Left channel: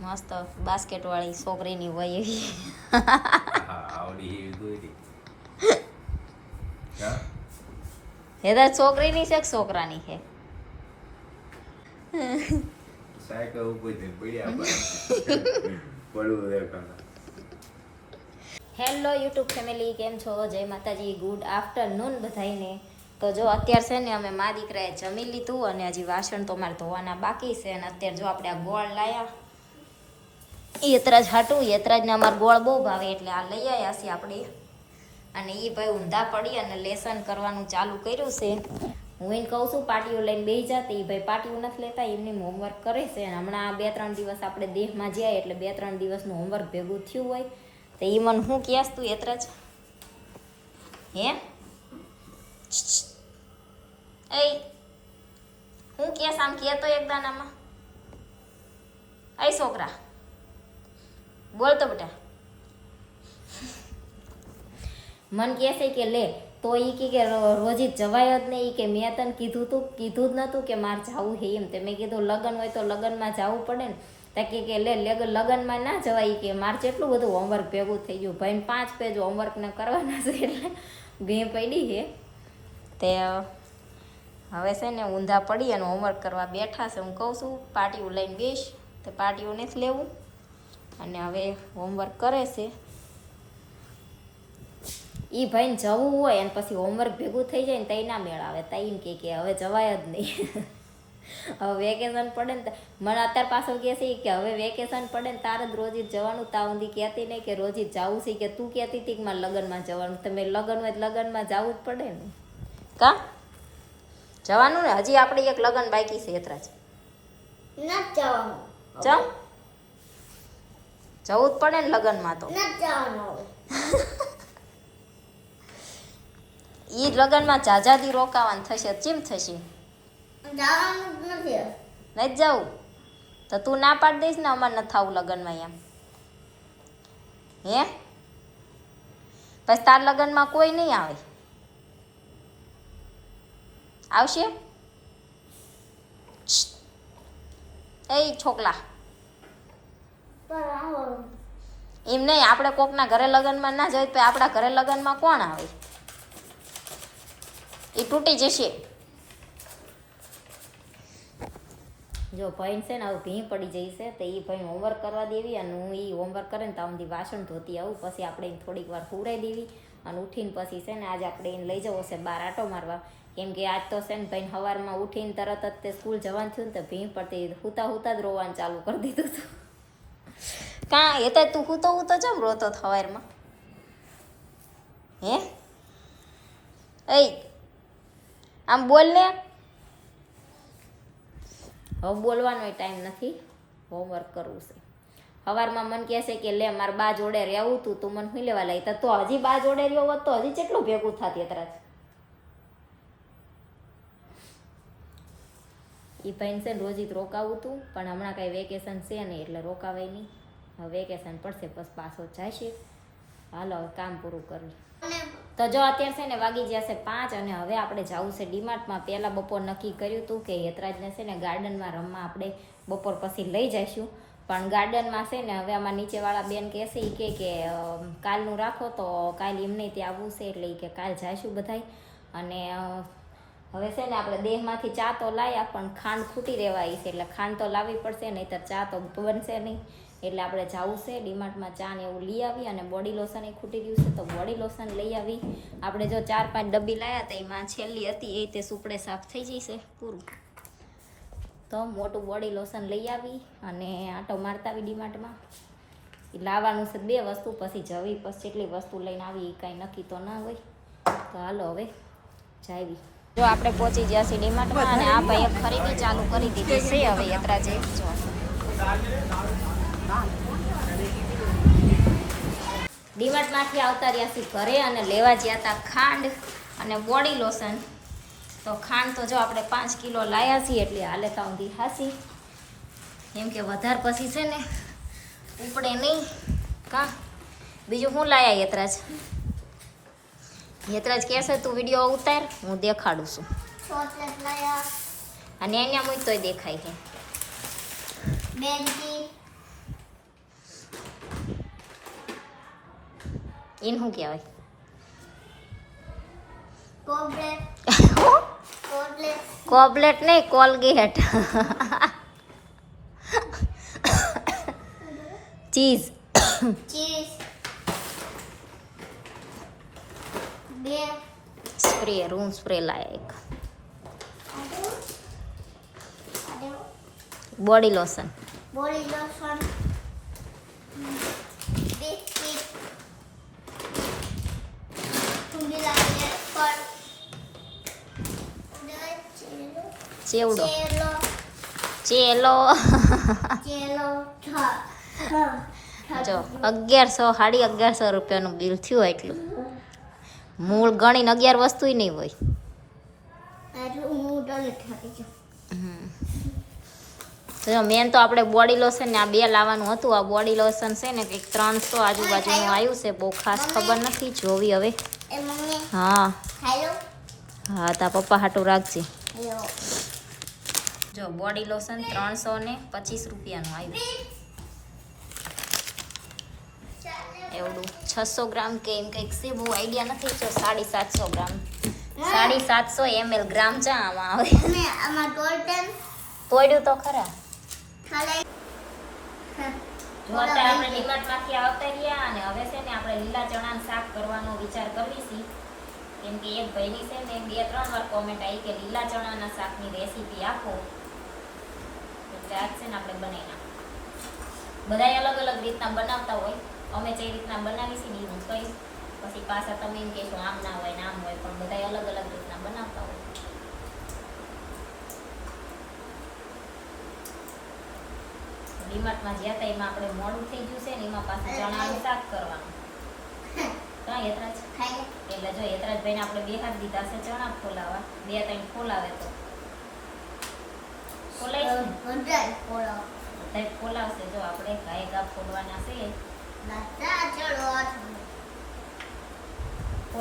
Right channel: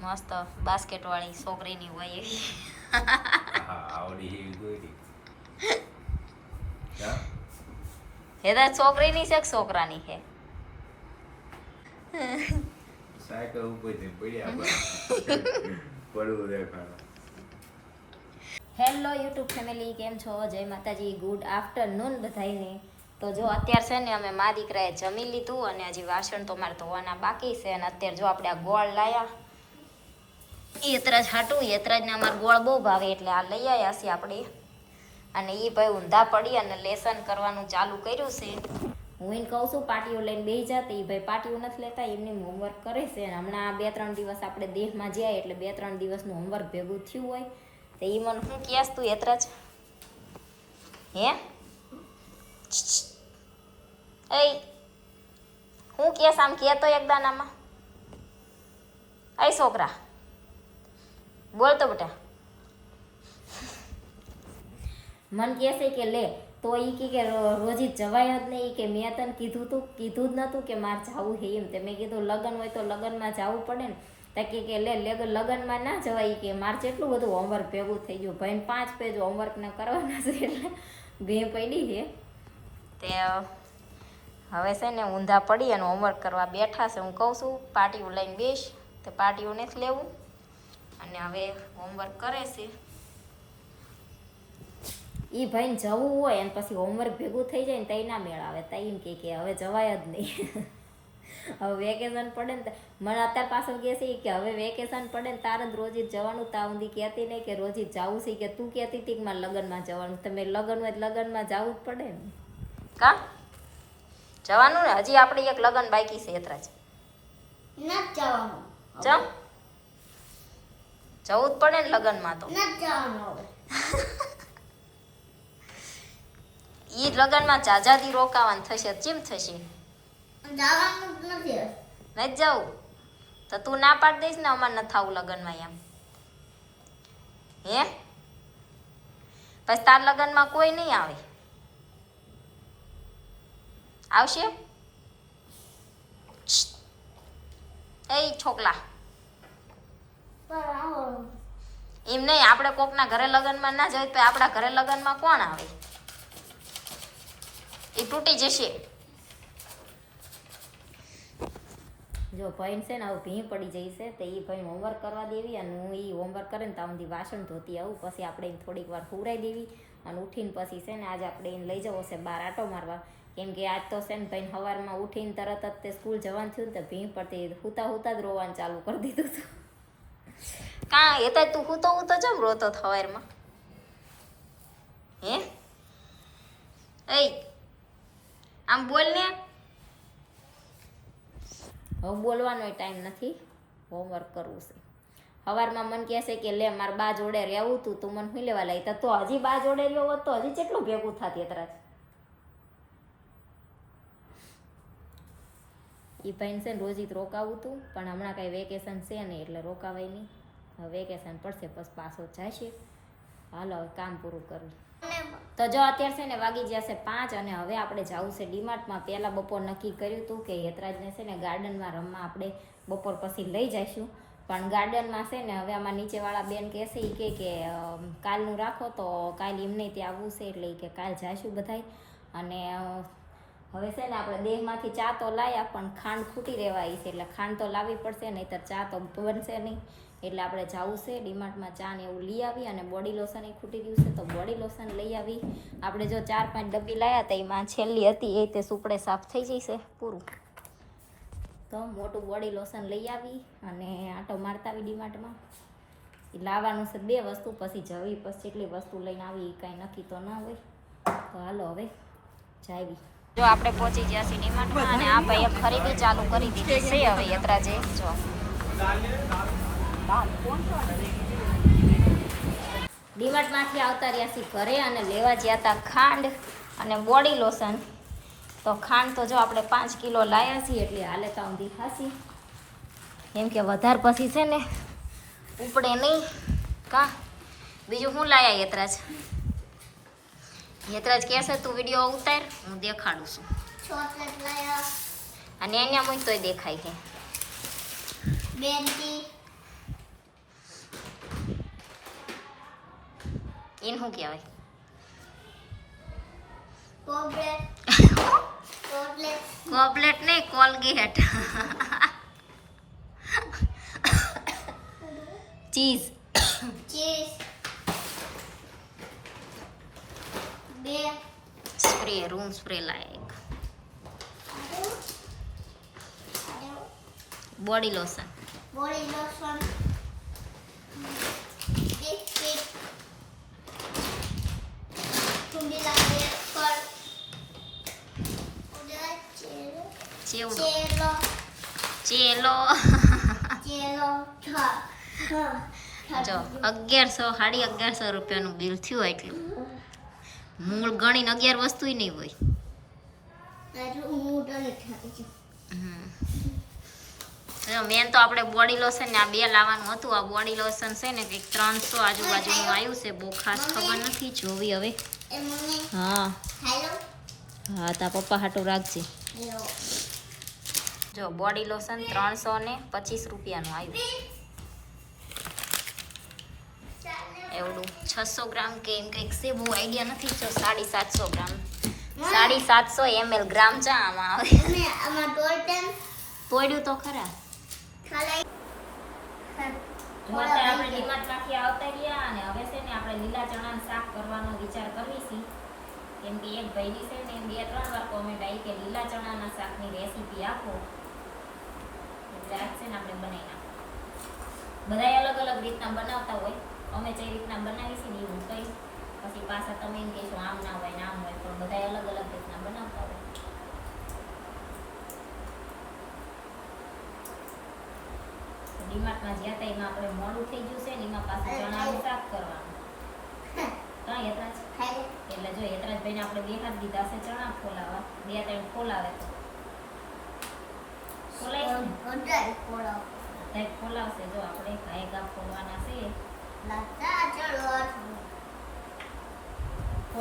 મસ્ત બાસ્કેટ વાળી છોકરીની હોય એવી. આવડી એ તો છોકરીની છે કે છોકરાની છે? સાયકલ ઉપર જઈને પડ્યા પડવું દેખાડો હેલો યુટ્યુબ ફેમિલી કેમ છો? જય માતાજી ગુડ આફ્ટરનૂન બધાઈને તો જો અત્યારે છે ને અમે મા દીકરાએ જમી લીધું અને હજી વાસણ તો મારે ધોવાના બાકી છે અને અત્યારે જો આપણે આ ગોળ લાયા. યતરાજ હાટું, યતરાજને અમારે ગોળ બહુ ભાવે એટલે આ લઈ આવ્યા છીએ આપણે. અને એ ભાઈ ઊંધા પડી અને લેસન કરવાનું ચાલુ કર્યું છે. હું એને કહું છું પાટીઓ લઈને બેસી જાતે એ ભાઈ પાટીઓ નથી લેતા, એમની હોમવર્ક કરે છે. અને હમણાં બે ત્રણ દિવસ આપણે દેહમાં જાય એટલે બે ત્રણ દિવસનું હોમવર્ક ભેગું થયું હોય. તો એ મને શું કહેશ તું એતરાજ હે? એ હું કેસ આમ કહેતો એકદાનામાં એ છોકરા. બોલ તો બેટા. મન કહે છે કે લે, તો એ કે રોજી જવાય જ નહીં. કે મેં તને કીધું તું, કીધું જ નહોતું કે મારે જવું છે એમ. તે મેં કીધું લગ્ન હોય તો લગ્નમાં જવું પડે ને. ત્યાં કે લે લગન લગ્નમાં ના જવાય કે. મારે કેટલું બધું હોમવર્ક ભેગું થઈ ગયું. ભાઈને પાંચ પેજ હોમવર્કને કરવાના છે એટલે ઘી પડી છે તે હવે છે ને ઊંધા પડી અને હોમવર્ક કરવા બેઠા છે. હું કહું છું પાર્ટીઓ લઈને બેસ. તે પાટીઓ નથી લેવું. અને હવે હોમવર્ક કરે છે. એ ભાઈને જવું હોય અને પછી હોમવર્ક ભેગું થઈ જાય ને તઈ ના મેળ આવે. તઈ એમ કે કે હવે જવાય જ નહીં. હવે વેકેશન પડે ને મને અત્યારે પાછો કહે છે કે હવે વેકેશન પડે ને તારે જ રોજી જવાનું. તા સુધી કહેતી નહીં કે રોજી જવું છે. કે તું કહેતી હતી કે મારે લગ્નમાં જવાનું. તમે લગ્ન હોય લગ્નમાં જવું જ પડે ને. કા? જવાનું ને? હજી આપણે એક લગ્ન બાકી છે એતરા જ નથી જવાનું. ચમ જવું જ પડે ને લગ્નમાં તો. ઈ લગ્નમાં જાજાદી રોકાવાનું થશે ચીમ થશે? નથી જવું? તો તું ના પાડી દઈશ ને અમારે નથી થવું લગ્નમાં એમ. હે? પછી તાર લગ્નમાં કોઈ નહીં આવે? આવશે? એ છોકલા. એમ નહીં, આપણે કોકના ઘરે લગ્નમાં ના જઈએ તો આપણા ઘરે લગ્નમાં કોણ આવે? એ તૂટી જશે. જો ભાઈ છે ને આવું ભીં પડી જઈ છે, તો એ ભાઈ હોમવર્ક કરવા દેવી અને હું એ હોમવર્ક કરે ને ત્યાં સુધી વાસણ ધોતી આવું, પછી આપણે એને થોડીક વાર હુરાઈ દેવી અને ઉઠીને પછી છે ને આજે આપણે એને લઈ જવો છે બહાર આટો મારવા. કેમ કે આજ તો છે ને ભાઈ સવારમાં ઉઠીને તરત જ તે સ્કૂલ જવાનું થયું ને તો ભીં પડતી હુતા હુતા જ રોવાનું ચાલુ કરી દીધું હતું કા એ તો તું હું તો હું તો જમ રોતો થવારમાં? હે? એ, આમ બોલ ને. હવે બોલવાનો ટાઈમ નથી. હોમવર્ક કરવું છે. સવારમાં મન કહેશે કે લે, મારે બા જોડે રહેવું તું તું મને હું લેવા લાગી? તો હજી બા જોડે રહ્યો હોત તો હજી કેટલું ભેગું થતી અત્યારે? એ ભાઈને છે ને રોજી રોકાવું હતું પણ હમણાં કાંઈ વેકેશન છે નહીં એટલે રોકાવાય નહીં. હવે વેકેશન પડશે, બસ પાછો જશે. હાલો, હવે કામ પૂરું કરવું તો જો અત્યારે છે ને વાગી જશે પાંચ અને હવે આપણે જવું છે ડીમાર્ટમાં. પહેલાં બપોર નક્કી કર્યું હતું કે યતરાજને છે ને ગાર્ડનમાં રમવા આપણે બપોર પછી લઈ જઈશું. પણ ગાર્ડનમાં છે ને હવે આમાં નીચેવાળા બેન કહેશે એ કે કે કાલનું રાખો તો કાલ એમને ત્યાં આવવું છે એટલે એ કે કાલ જઈશું બધાય. અને હવે છે ને આપણે દેહમાંથી ચા તો લાયા, પણ ખાંડ ખૂટી રહેવાય છે. એટલે ખાંડ તો લાવવી પડશે, નહીંતર ચા તો બનશે નહીં. એટલે આપણે જવું છે, ડીમાર્ટમાં ચા ને એવું લઈ આવી અને બોડી લોશન એ ખૂટી રહ્યું છે, તો બોડી લોશન લઈ આવી. આપણે જો ચાર પાંચ ડબ્બી લાવ્યા તો એમાં છેલ્લી હતી, એ તે સુપડે સાફ થઈ જશે પૂરું. તો મોટું બોડી લોશન લઈ આવી અને આટો મારતા આવી ડીમાર્ટમાં લાવવાનું છે બે વસ્તુ, પછી જવી, પછી એટલી વસ્તુ લઈને આવી એ કાંઈ નક્કી તો ના હોય. તો હાલો હવે, જાવી. જો આપણે પહોંચી ગયા છીએ ડીમાર્ટમાં અને આ ભાઈએ ખરીદી ચાલુ કરી દીધી છે હવે યાત્રા જે. જો. ડીમાર્ટમાંથી આવતા રહ્યા છીએ ઘરે અને લેવા ગયા હતા ખાંડ અને બોડી લોશન. તો ખાંડ તો જો આપણે પાંચ કિલો લાયા છીએ એટલે હાલે તો ઊંધી હાસી. કેમ કે વધારે પછી છે ને ઉપડે નહીં. કા? બીજું શું લાયા યતરાજ યતરાજ કહેશે તું વીડિયો ઉતાર હું દેખાડું છું. અને એને હું તોય દેખાય છે. એને શું કહેવાય? કોબલેટ. નહીં કોલગેટ. ચીઝ. ચીઝ. બે સ્પ્રે રૂમ સ્પ્રે લાયક. Body lotion. Body lotion. Biscuit. ઠંડી લાગે પર ચેવડો. ચેલો. ચેલો. ચેલો. જો અગિયારસો સાડી અગિયારસો રૂપિયાનું બિલ થયું એટલું. મૂળ ગણીને અગિયાર વસ્તુ નહીં હોય. જો મેન તો આપણે બોડી લોશન ને આ બે લાવવાનું હતું. આ બોડી લોશન છે ને કંઈક ત્રણસો આજુબાજુનું આવ્યું છે. બહુ ખાસ ખબર નથી. જોવી હવે. હા. હા તા પપ્પા હાટું રાખજે. જો બોડી લોશન ત્રણસો ને પચીસ રૂપિયાનું આવ્યું. એવડું. છસો ગ્રામ કે એમ કંઈક બહુ આઈડિયા નથી જો સાડી સાતસો ગ્રામ. સાડી સાતસો એમએલ ગ્રામ ચા આમાં આવે તોડ્યું તો ખરા. આપણે ડીમાર્ટમાંથી આવતા રહ્યા અને હવે છે ને આપણે લીલા ચણાનું શાક કરવાનો વિચાર કરવી છે કેમ કે એક ભાઈની છે ને બે ત્રણ વાર કોમેન્ટ આવી કે લીલા ચણાના શાકની રેસીપી આપો. આજ છે ને આપણે બનાવી નાખો બધાય અલગ અલગ રીતના બનાવતા હોય. અમે જે રીતના બનાવી છે ને એવું હું પછી પાછા તમે એમ કહેશો આમ ના હોય ને આમ હોય પણ બધાય અલગ અલગ રીતના બનાવતા હોય. ડીમાર્ટમાં જ્યાં તા એમાં આપણે મોડું થઈ ગયું છે ને એમાં પાછું ચણાનું શાક કરવાનું. ત્રણ યતરાજ? એટલે જો યતરાજભાઈને આપણે બે હાથ દીધા છે ચણા ફોલાવા બે ત્રણ ફોલાવે તો. ફોલાય ફોલાવશે. જો આપણે ગાય ગા ફોલવાના છે લાતા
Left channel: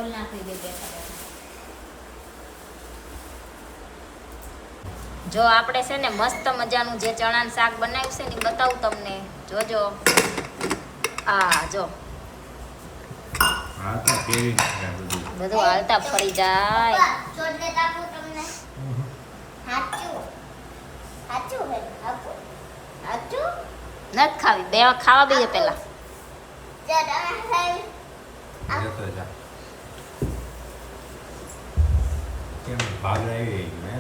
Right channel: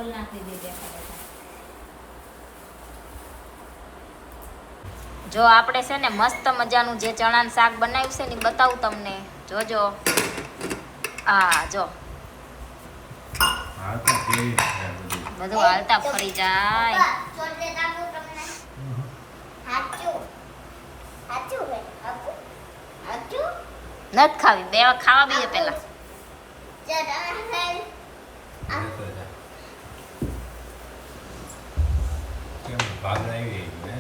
નાખી દે બેઠા બેઠા. જો આપણે છે ને મસ્ત મજાનું જે ચણાનું શાક બનાવ્યું છે ને બતાવું તમને. જોજો. આ જો. બધું? હાલતા ફરી જાય. છોડ દે તાપું તમને? હાચું. હાચું હે હાચું? હાચું? નથી ખાવી. બે ખાવા બઈએ પેલા કેમ ભાગ આવી ને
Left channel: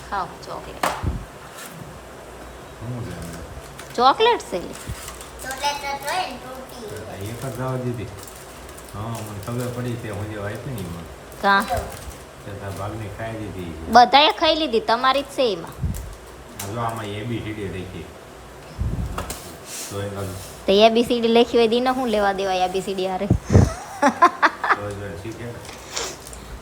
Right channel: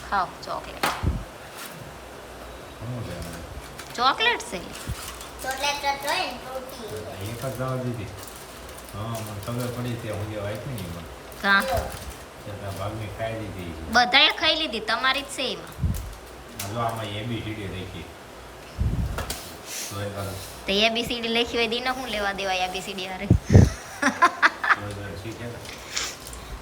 ખાઓ ચોકલેટ ચોકલેટ છે. એક જ જવા દીધી. હા મને ખબર પડી તે હું જે વાંચી ને એમાં. કાં? ભાગની ખાઈ દીધી બધાએ ખાઈ લીધી તમારી જ છે એમાં. આમાં એબીસીડી તો એ બીસીડી એબીસીડી લખી હોય દીને શું લેવા દેવાય એબીસીડી હારે?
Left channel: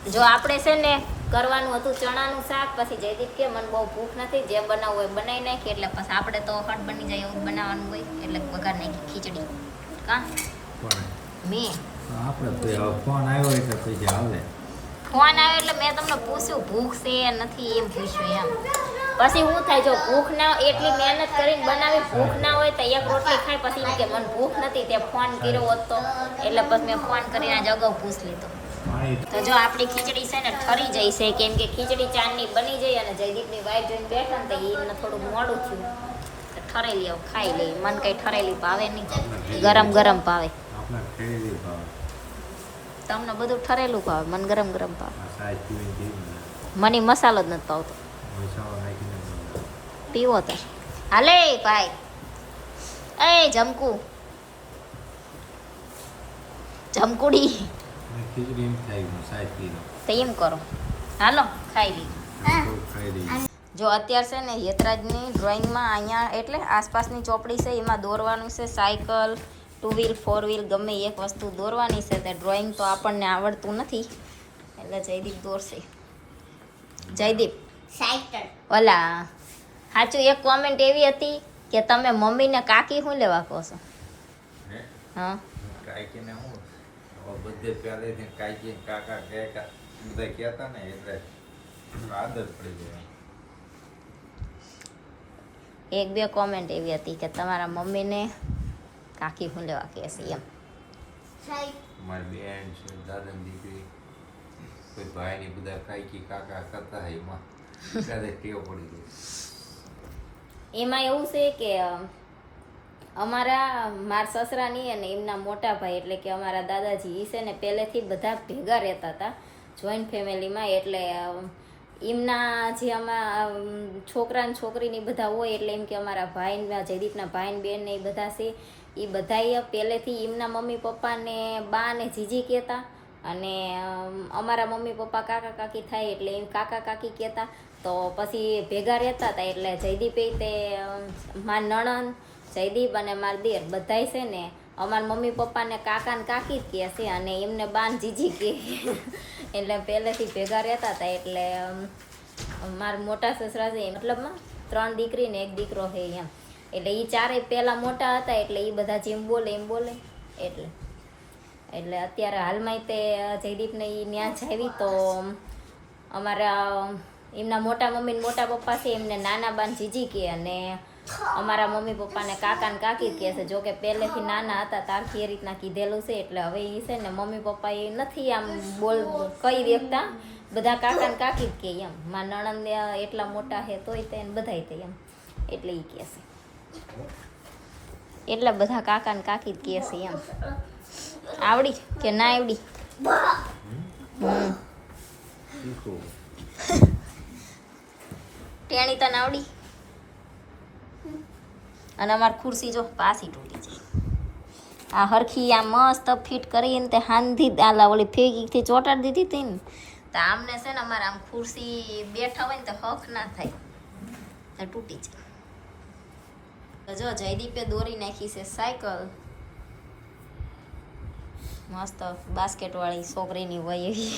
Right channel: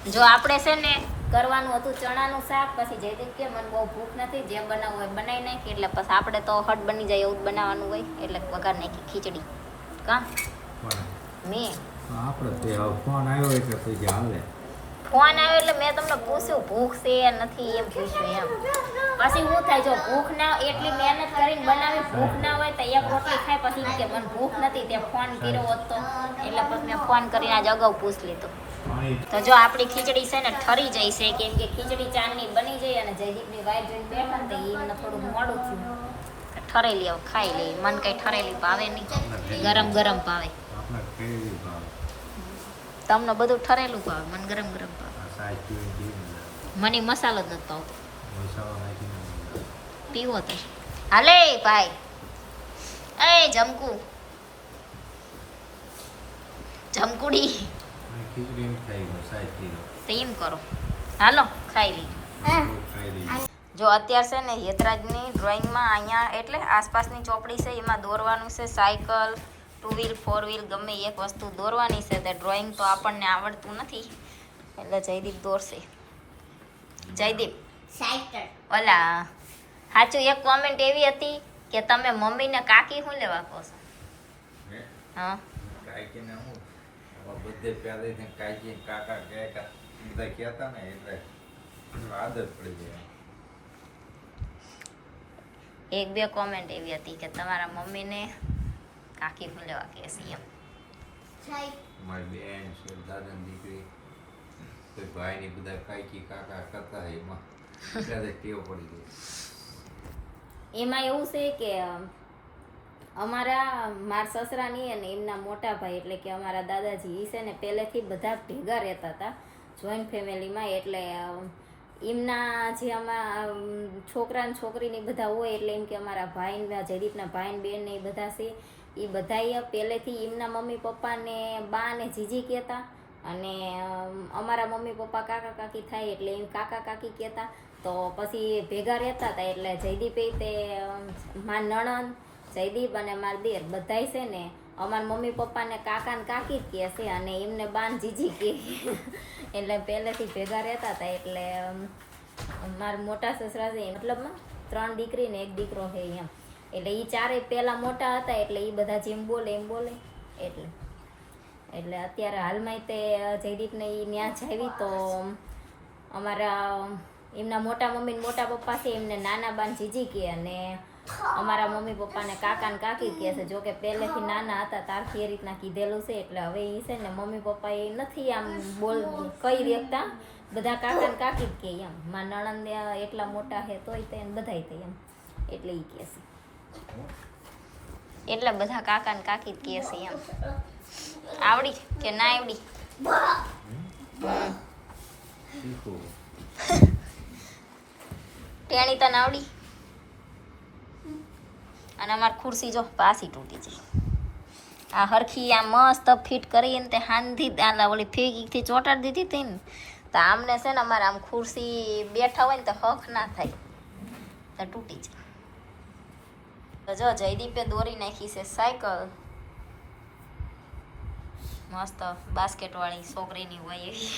જો આપણે છે ને કરવાનું હતું ચણાનું શાક પછી જયદીપ કે મને બહુ ભૂખ નથી જે બનાવવું હોય બનાવી નાખી એટલે પછી આપણે તો હટ બની જાય એવું બનાવવાનું હોય એટલે વઘાર નાખી ખીચડી. કા? મેં. આપણે ફોન આવ્યો એટલે પછી આવે ફોન આવ્યો એટલે મેં તમને પૂછ્યું ભૂખ છે નથી એમ પૂછ્યું એમ. પછી શું થાય, જો ભૂખ ના એટલી મહેનત કરીને બનાવી, ભૂખ ના હોય તો એક રોટલી ખાય, પછી કે મને ભૂખ નથી, તે ફોન કર્યો હોત એટલે પછી મેં ફોન કરીને આજે અગાઉ પૂછ લીધો. તો જો આપણી ખીચડી છે ને ઠરી જાય છે, કેમ કે ખીચડી ચાંદની બની જાય અને જયદીપની વાઈફ જોઈને બેઠા ને તો એમને થોડું મોડું થયું. ઠરેલી આવું ખાઈ લઈ મને કઈ ઠરેલી ભાવે નહીં. ગરમ ગરમ ભાવે. તમને બધું ઠરેલું ભાવે, મને ગરમ ગરમ ભાવે. મને મસાલો જ નથી બનાવે. પીવો તો. હાલે ભાઈ. એ જમકુ. જમકુડી. એમ કરો. હાલો ખાઈ લી. ખાઈ જો અત્યારે છે ને યતરાજની ડ્રોઈંગમાં અહીંયા એટલે આસપાસની ચોપડી છે એમાં દોરવાનું છે cycle two wheel four wheel ગમે એક વસ્તુ દોરવાની છે તે ડ્રોઈંગ તો આપણને આવડતું નથી. એટલે જયદીપ દોરશે. જયદીપ. ઓલા સાચું એક કોમેન્ટ એવી હતી કે તમે મમ્મીને કાકી શું લેવા કહો છો? હા? કાકીને હું? બધે પહેલેથી કાકી કાકા કાકા બધા કહેતા ને એટલે આદત પડી જાય એક બે કોમેન્ટ એવી હતી કે તમારા મમ્મીને કાકી શું લેવા કહે છે એમ. મારી બેન છે દાદાની દીકરી. કોઈ ભાઈની બધા કાકી કાકા કરતા હોય એમાં. એમાં એવું છે કે અમારા માર સસરાની અને એમના મોટા ભાઈ એટલે કે અમારા દાદાજી છે ને પહેલેથી બધા ભેગા રહેતા હતા જોઈન્ટ ફેમિલીમાં એટલે એમના જે આમાં છોકરા ને છોકરીની બધા હોય એટલે એમ કે અમારા ભાઈ જયદીપના ભાઈ ને બેન ને એ બધા છે એ બધા પહેલેથી એમના મમ્મી પપ્પાને બા ને જીજી કહેતા અને અમારા મમ્મી પપ્પા કાકા કાકી થાય એટલે એમ કાકા કાકી કહેતા તો પછી ભેગા રહેતા હતા એટલે જયદીપે તે માર નણંદ, જયદીપ અને માર દેર બધાય છે ને, અમારા મમ્મી પપ્પાને કાકા ને કાકી જ કહે છે અને એમને બાન જીજી કહે એટલે પહેલેથી ભેગા રહેતા હતા એટલે મારા મોટા સસરા છે મતલબમાં ત્રણ દીકરી ને એક દીકરો છે એમ. એટલે એ ચારેય પહેલાં મોટા હતા એટલે એ બધા જેમ બોલે એમ બોલે, એટલે એટલે અત્યારે હાલમાં તે જયદીપને એ ન્યા જાવી તો અમારા એમના મોટા મમ્મી ને મોટા પપ્પા છે એમને નાના બાન જીજી કે અને અમારા મમ્મી પપ્પાને કાકા ને કાકી કહે છે. જો કે પહેલેથી નાના હતા તારથી એ રીતના કીધેલું છે એટલે હવે એ છે ને મમ્મી પપ્પા એ નથી આમ બોલ કહી દેતા. બધા કાકા ને કાકી જ કહે એમ. મારા નણંદ એટલા મોટા છે તોય તે બધાય તે એમ. એટલે એ કહે છે. એટલે બધા કાકા ને કાકી જ કહે છે એમ. આવડી કે ના આવડી? હમ? ટેણી તને આવડી? અને અમારી ખુરશી જો પાછી તૂટી છે. આ હરખી આ મસ્ત ફિટ કરીને તે હાંધી આલા ઓલી ફેગીથી ચોટાડી દીધી હતી ને, તો આમને છે ને અમારે આમ ખુરશી બેઠા હોય ને તો હક ના થાય. તો તૂટી જાય તો જો જયદીપે દોરી નાખી છે સાયકલ. મસ્ત બાસ્કેટવાળી છોકરીની હોય એવી.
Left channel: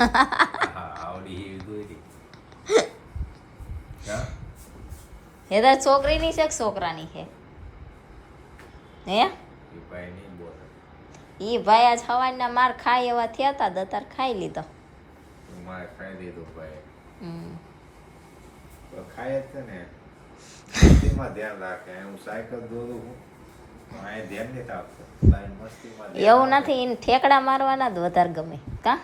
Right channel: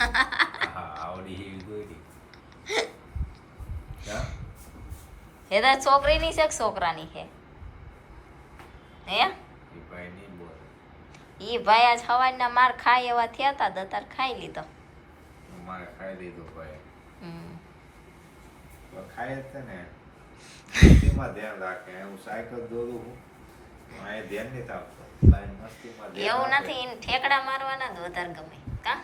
આવડી એ તો છોકરીની છે કે છોકરાની છે? હે? એ ભાઈ ઈ ભાઈ આજ સવારના માર ખાય એવા થયા હતા દતાર ખાઈ લીધો. માર ખાઈ લીધો ભાઈ. હમ. ખાય જ છે ને. મસ્તીમાં ધ્યાન રાખે. હું સાયકલ દોરું છું અહીં ધ્યાન નથી આપતો. મસ્તીમાં એવું નથી એને ઠેકડા મારવાના જ વધારે ગમે. કા?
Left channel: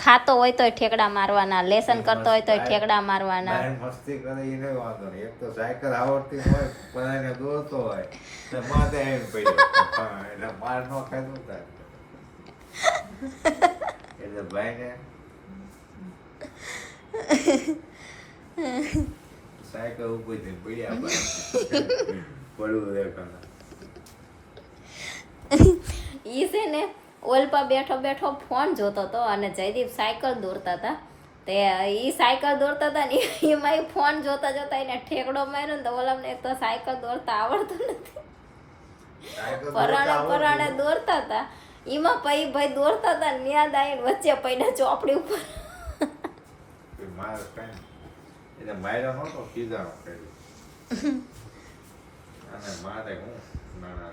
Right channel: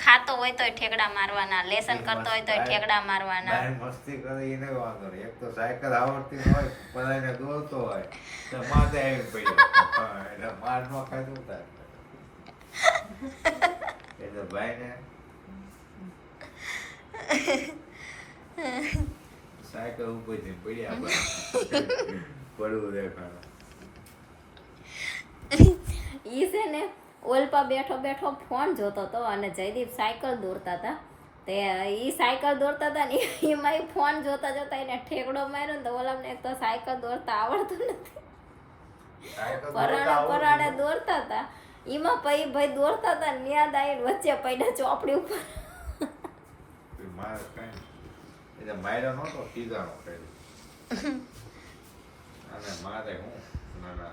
ખાતો હોય તોય ઠેકડા મારવાના લેસન કરતો હોય તોય ઠેકડા મારવાના. મસ્તી કરે એને વાંધો નહીં. એક તો સાયકલ આવડતી હોય બધાને દોરતો હોય તો માથે આવીને પડ્યો. એટલે માર નો ખાય તો થાય એટલે ભાઈને સાયકલ ઉપર જઈને પડ્યા. પડવું દેખાડે. ઈ છે ને ઓલપા બેઠો બેઠો ફોન જોતો હતો અને જયદીપ સાયકલ દોરતા હતા. તે એ સાયકલ દોરતા હતા ને એમાં ફોન જોતા જોતા એને ઠેકડો માર્યો ને તો ઓલામને એક તો સાયકલ દોરતા આવડતું નથી. પરાણે પરાણે દોરતા હતા. એમાં પૈ ભાઈ દોરતા હતા ને દાઈને વચ્ચે પૈડા ચોપડી ઉપર. તને માર એતરા નાના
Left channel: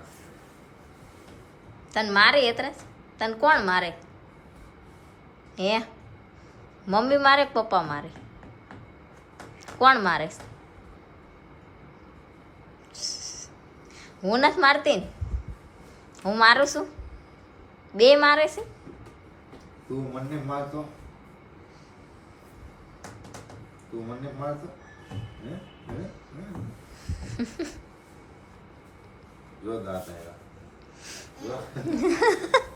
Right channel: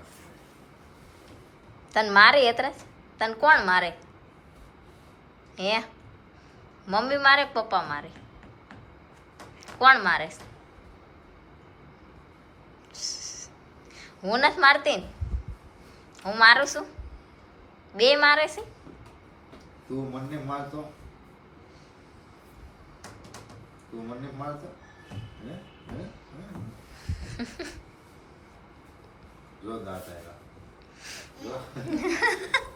તને મારે એતરે તને કોણ મારે? હે? મમ્મી મારે કે પપ્પા મારે? કોણ મારે? હું નથી મારતી ને. હું મારું છું? બે મારે છે? તું મને મારતો? તું મને મારતો? જો દાતા જો.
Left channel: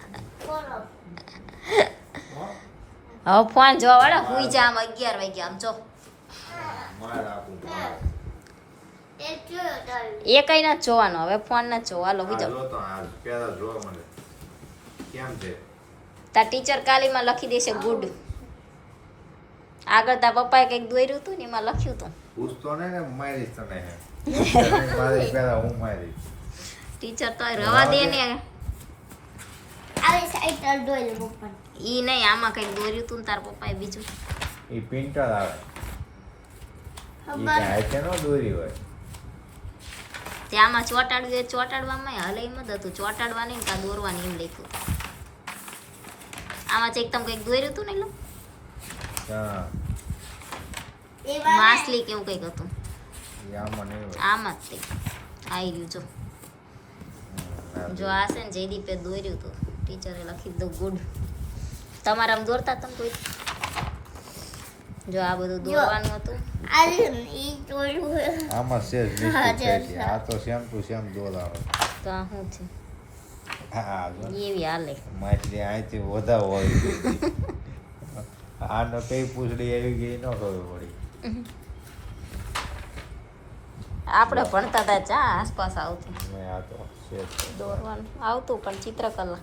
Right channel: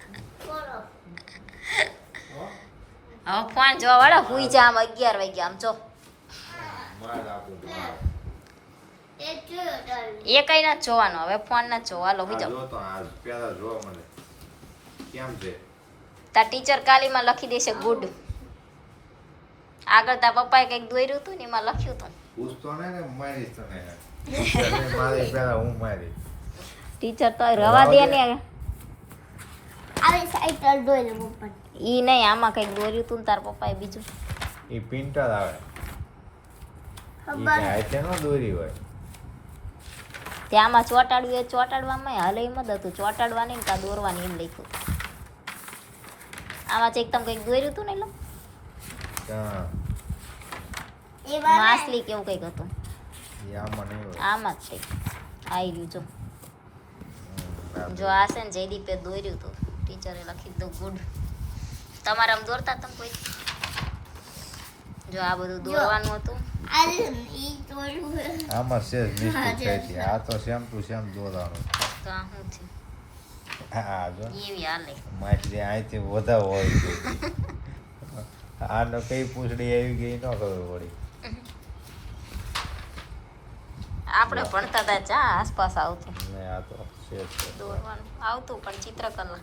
હવે ફોન જોવા વાળા હુઈ જા આમ અગિયાર વાગ્યા આમ જો. એ કઈ ના જોવાનો હવે ફોન ના જોવા લો બીજો તા ટીચર કાલીમાં લખી દેશે ગુડ. આગળ તા પપ્પાએ કંઈક દોર્યું હતું ને એમાં લખ્યું હતું પૂછતો ને તને. ટીચર તો રવા દે ને. આવી લો પપ્પા ઈ નહીં આમાં કંઈક દોર્યું તું ને તાર પપ્પાએ બીજું. એ પિન્ટર આવે. ઈ ખબર. હાથે નો દોરી હોય. તે આમાં ચોટાડવું એ ચોટાડવામાં હાલે એમ જ હતું. ચોટાડવાની ને કાં દોરવાની એમ લખ્યું. આમાં એકદમ કંઈક દોર્યું હતું ને એટલે માછલી કેવું કંઈક હતું. આમાં નહીં હોય. આમ જ તે આવી રહ્યું જો. જો આ છે ને જયદીપે દોર્યું તો. ટીચરે લખી દીધું ગુડ તમારે આમ દોરતા તમે કોઈ? જો આ બધું દોરવાનું હતું. આમાં છે. આ તો દોરવાનું. તો આ શું છે? એવી હાલે. માછલી અહીંથી વધારે હોય. આનો કઈ પૂછડી આવી ગઈ ન ખબર પડી. આપણે ભણતા હતા ચા આસપાસ આવતું. દોરવાનું. આવતું પણ ચિત્રકલા.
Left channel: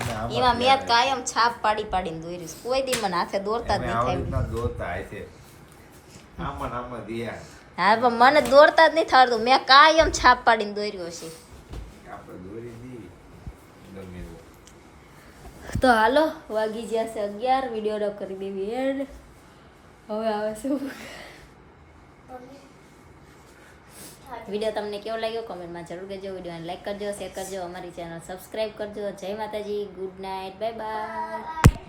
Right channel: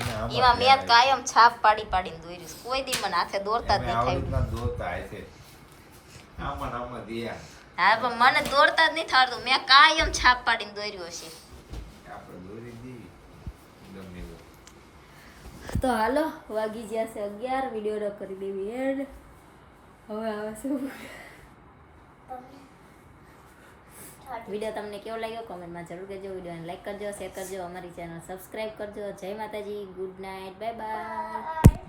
એમાં મેં કાયમ છાપ પાડી પાડીને દોર્યું કોઈ દી મને હાથે દોરતા જ નહીં દોરતા હશે. આમાં આમાં દિયા. હા પણ મને દોરતા જ નહીં થતું મેં કાયમ છાપ પાડીને દોર્યું એવું. તો હાલો વાગી ગયા છે અગિયાર. વીડિયો કરી દેવી એડ. હવે આવે શું વીડિયો તમને કેવો લાગ્યો કોમેન્ટમાં જરૂર કહેજો. વિડીયોને લાઈક કરજો શેર કરજો, અમારી ચેનલ સબસ્ક્રાઈબ કરજો. જય માતાજી ગુડ નાઇટ બાય બાય